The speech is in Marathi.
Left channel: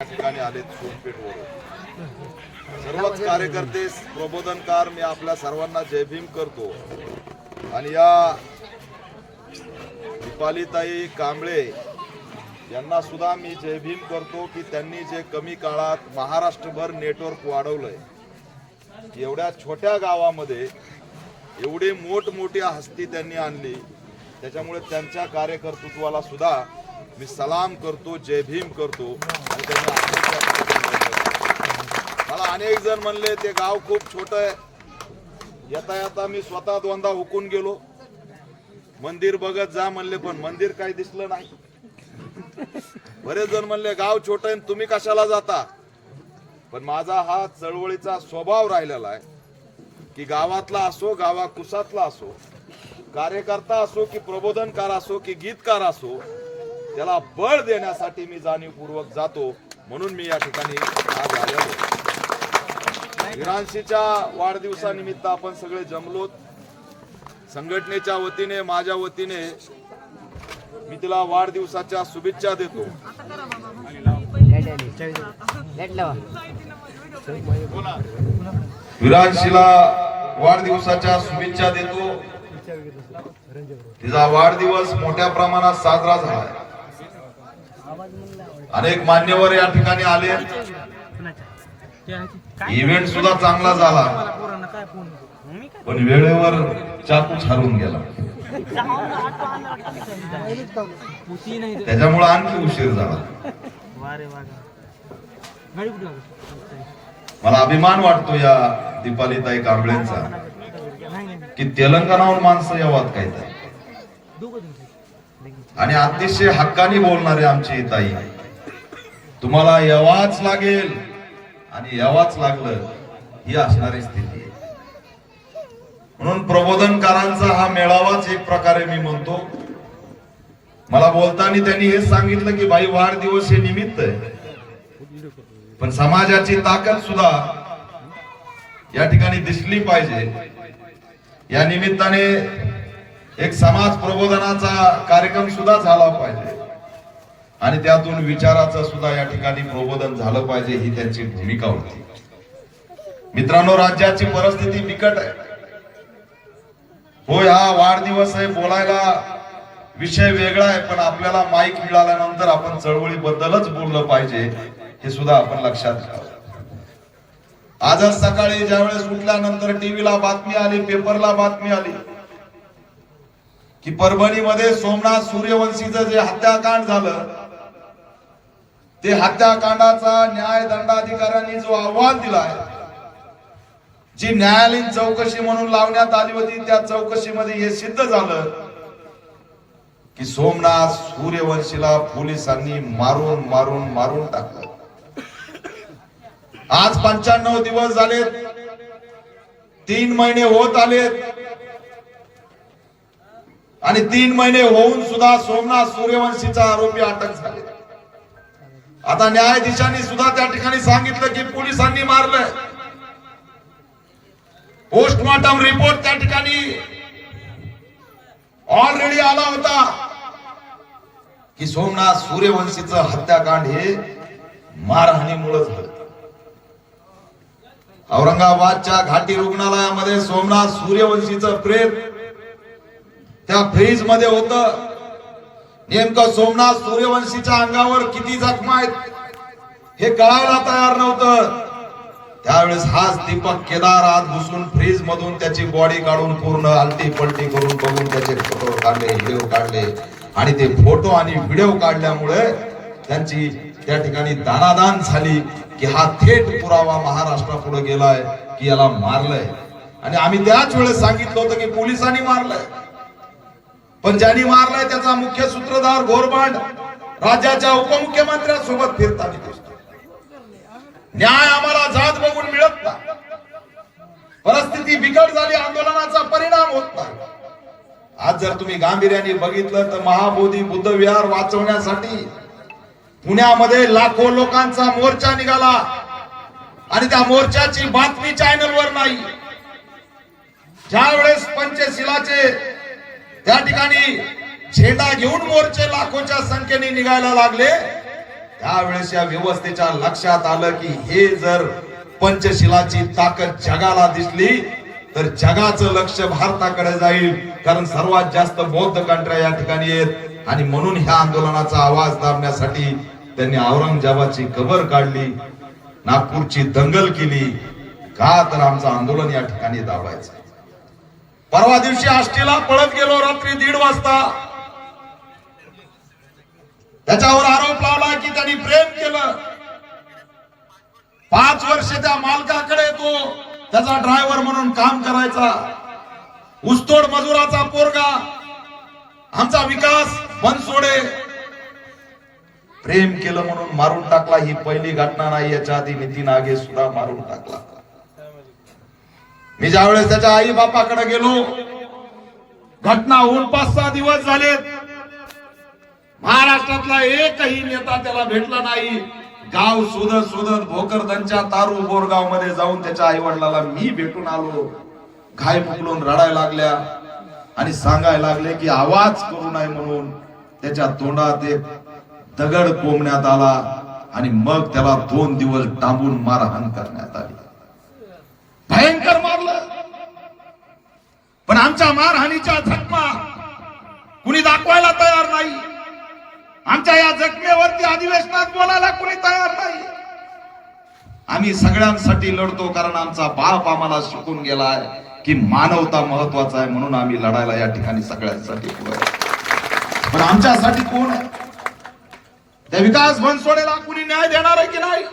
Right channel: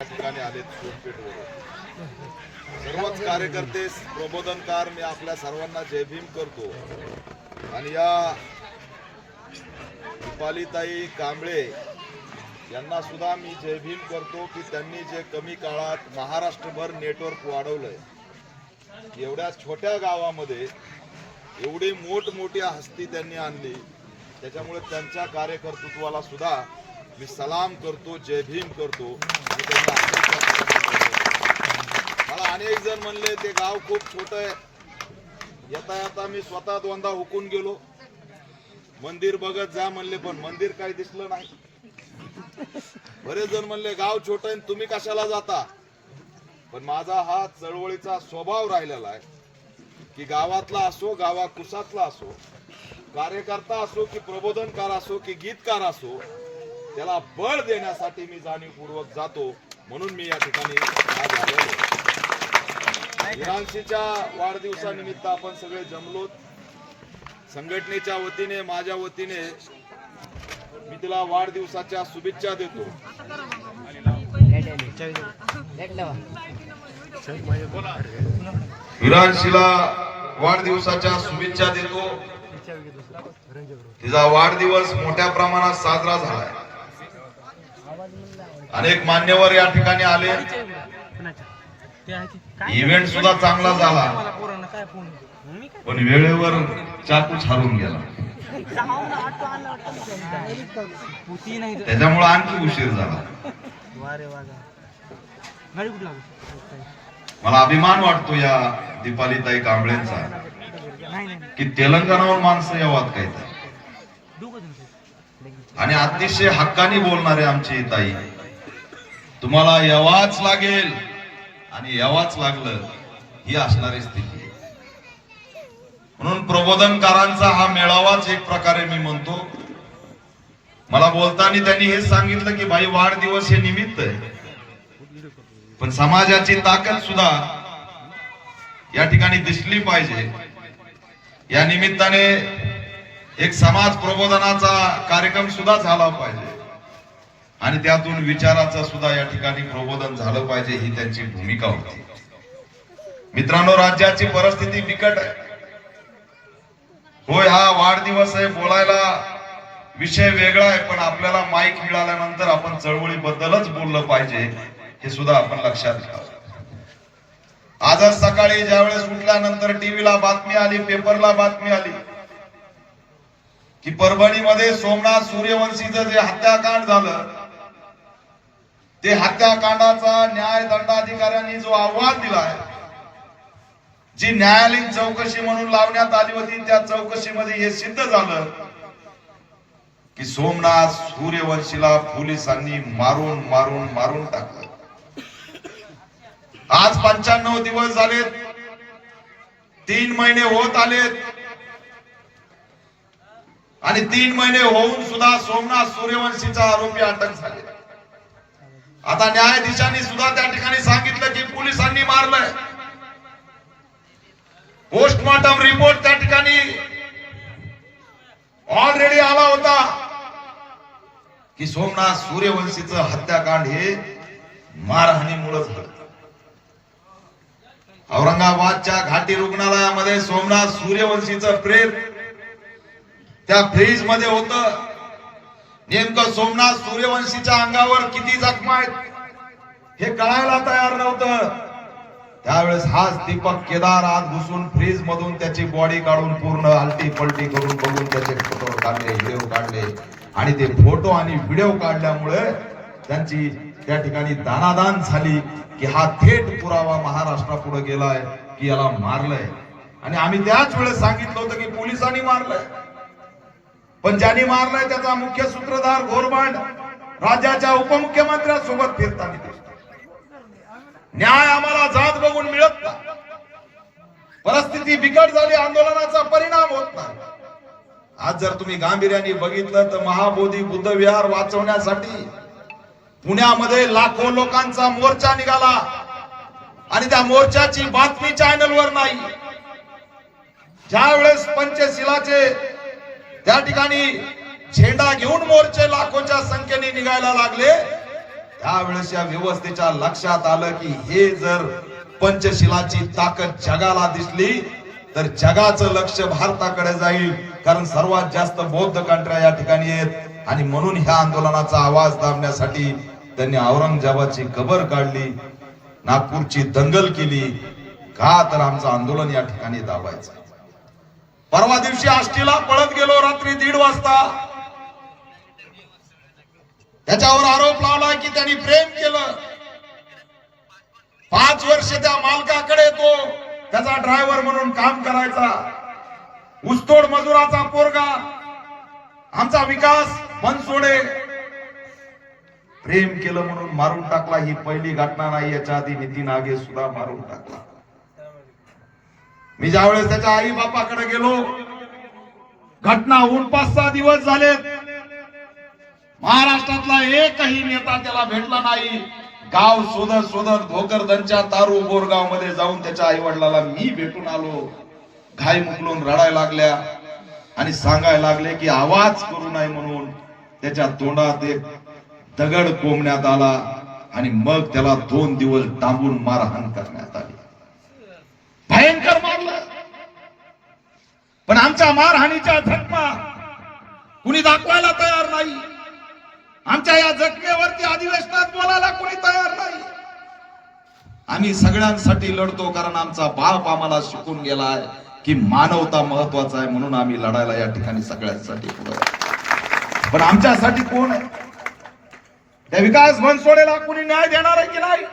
ठिकाणी आले सोनपेठवरून सर्वच कार्यकर्ते प्रबोधनकार मी आपल्या सर्वांना जय भीम करतो। आणि या दीपालीताई कांबळे यांना सुद्धा मी जय भीम करतो की त्यांनी जे कमी काळात महाराष्ट्रभर नेटवर्क वाढवलंय की एवढ्या छोट्या गावामध्ये एवढी मोठमोठी हस्ती त्यांनी आणली। त्याच्यामुळे त्यांच्या कार्यकर्तृत्वाला सुद्धा मी सलाम करतो, जय भीम करतो। आणि मला अनेक जण म्हणले ते गाव खूप छोट आहे, येता येता मी स्वतः दोनदा हुकून गेलो, मंदिर बघत जा म्हणले, पण मंदिर काही दिसलं नाही। बरेच जण म्हणले गाव छोट आहे तुम्ही कशाला जाता, पण माझा हा चळवळीचा स्वभाव राहिलेला आहे की गावातला असो गावा कुसातला असो, कार्यकर्ता असो की प्रबोधनकार असो की गीतकार असो, त्याला बळ देण्यासाठी मी जाणीवपूर्वक जातो। म्हणून मी या ठिकाणी आज आलेलो। विरांशीच्या वाढदिवसानिमित्त आपण सगळे जमलो, संघटनेच्या वतीने माझ्या वतीने मी तिला वाढदिवसाच्या शुभेच्छा देतो। विरांशीला वाढदिवसाच्या शुभेच्छा देतो। तिचा वाढदिवस मोठ्या प्रमाणात साजरा झालाय, अनेक मान्यवर या ठिकाणी आले, इव्हेंट सुद्धा चांगला झाला, पण वेळेवर चाकूच हरून गेला, त्याच्यामुळे आणखी उशीर झाला। मला अभिमान वाटतो या दीपालीताई कांबळेंचा की तेलंगणाहून माणसं यावात काय आणि अतिशय हक्कानी बोलणारे आमची ताई, तुम्हाला यावाच लागेल आणि यावाच लागलं ही असणारी स्थिती आहे। म्हणून प्रबोधनकारांचा हा मेळावाच एक प्रकारे मी म्हणतो। मला बोलताना त्यांनी हे सांगितलं की भाई वाढदिवस हे निमित्त आहे, पण समाजाची ताकद सुद्धा या ठिकाणी दिसली पाहिजे। या निमित्ताने एक समाज प्रबोधनाचा कार्यक्रम सुद्धा झाला पाहिजे आणि त्यातून विचाराचं सुद्धा या ठिकाणी प्रबोधन झालं पाहिजे, ही त्यांची भूमिका होती। मित्रांनो, राज्याची परिस्थिती बिकट आहे। होय, हा वाढदिवस आहे, बोलायला विषय वेगळा आहे, पण आपल्याला माईक मिळाल्यानंतर आपण चळवळीबद्दलच बोललं पाहिजे, हे सुद्धा आपण लक्षात घ्यावं। आजच सकाळी ज्यावेळेस उठल्यानंतर टीव्हीला बातमी आली, पेपरला बातमी आली की परभणीमध्ये सोमनाथ सूर्यवंशीचं जे हत्याकांड झालं, ते हत्याकांडाचा न्याय दंडाधिकाऱ्यांनी जो अहवाल दिलाय, जी न्यायालयीन चौकशी म्हणून लावण्यात आली होती, त्या चौकशीमध्ये हे सिद्ध झालं की सोमनाथ सूर्यवंशीला पोलिसांनी मारून मारून मारून टाकलं। आज 95 दिवस झालेत, 3 महिने होत आलेत आणि 3 महिने होऊन सुद्धा सोमनाथ सूर्यवंशीचा आरोपी अटक झाले। आता न्यायाधीशांनी सुद्धा त्या ठिकाणी सांगितलं की पोलिसांनी मारलंय। पोस्टमॉर्टम रिपोर्ट त्या ठिकाणी ऑलरेडी आला होता की सोमनाथ सूर्यवंशीचं हत्याकांड हे मारहाणीमुळे झालं। औरंगाबादच्या घाटी रुग्णालयामध्ये सोमनाथ सूर्यवंशीचं प्रेम त्या फ्रीज मध्ये होतं। नेमकं सोमनाथ सूर्यवंशीच्या अंगावर किती जखमा आहेत हे कळायला तयार नव्हतं। त्यावेळेस हाच दीपक केदार आत घुसून फ्रीज मधून त्याची बॉडी काढून पूर्ण आलटी पलटी करून बघून त्याचे फोटो काढले, व्हिडिओ काढले, आणि ते फोटो आणि व्हिडिओ काढल्यामुळे त्यांची त्या ठिकाणी दानादान झाली की हा थेट पुरावा महाराष्ट्रापुढे गेलाय की याला मारलंय। आणि आम्ही त्याच वेळेस सांगितलं होतं की पोलिसांनी मारलंय, पण ज्यांनी मारलाय त्याचा मुख्य सूत्रधार घोरबांड राज्याच्या उपमुख्यमंत्र्यांसोबत फिरताना दिसतो। न्याय आम्हाला जात बघून मिळत नाही, परिस्थिती बिकट झाली, आंदोलनाचा परिणाम होत नाही। आज जर तुम्ही गांभीर्याने बघितलं तर महाबोधी बुद्ध विहार वाचवण्यासाठी पुण्यामध्ये लाखो लोकांचा मोर्चा निघाला आणि त्या मोर्चाची बातमी चॅनलवर नाही। ज्यावेळेस पंचशिलाचे त्या ठिकाणी झेंडा घेऊन मोर्चे लाखोच्या संख्येने निघायला लागले, त्यावेळेस या व्यवस्थेच्या लक्षात आलं की हे जर पंचशिलाची ताकद जगाला दिसली तर जगाचं लक्ष भारताकडे जाईल, कारण सर्वात जास्त बौद्ध कंट्र्या या ठिकाणी आहेत. आणि म्हणून ह्या आंदोलनाचा आवाज दाबण्यासाठी त्यांनी औरंगजेबाची कबर काढली, नागपूरची दंगल केली, का तर आमचं आंदोलन या ठिकाणी दाबायचं. परवा दिवशी आष्टीला पळत गेलो रात्री 1:30 वाजता. त्याच्यावर आरोप लावला की त्यांनी प्रेम केलं. 5 वर्ष त्या मालकाकडे तो त्याचा ड्रायव्हर म्हणून काम करायचा, ऊसतोड मजुराचा पोरगा. आमचा विकास बनसोडे प्रेम केलं म्हणून मारून टाकला. ही पहिली घटना नाही, याच्या आधी नितीन आगे सुद्धा मारून टाकला. मी ज्यावेळेस त्याच्या आई बापाकडे गेलो, घटना होऊन 5-6 दिवस झाले, महाराष्ट्रातला एकही नेता त्याला भेटला नाही. गाव शोधत शोधत भोकरदनच्या तारू बोरगाव मध्ये जाऊन त्याच्या आई वडिलाला मी भेटून आलो. घाई मुकलून रडायला लागल्या आणि सांगायला लागले की आवाज करू नये म्हणून. त्याच्या तोंडात एक दगड कोंबण्यात आला आणि मग त्याला 2 दिवस डांबून मारहाण करण्यात आली. भयंकर मारलं. पण आमच्या मारहाणीच्या जखमा कुणी दाखवायला तयार नाही. आमच्या या जखमेवरती अधिवेशनात बोलायला कुणी तयार नाही. आम्ही सगळ्यांसाठी लढतो, कारण आमचा बाप आम्हाला शिकून गेलाय की मानवता महत्वाचा आहे, म्हणून आम्ही लढायला या ठिकाणी सगळ्यांसाठी पुढे. पण आमच्यासाठी कोण आहे? त्या विकास बनसोडेला कुणी न्याय देणार आहे की नाही?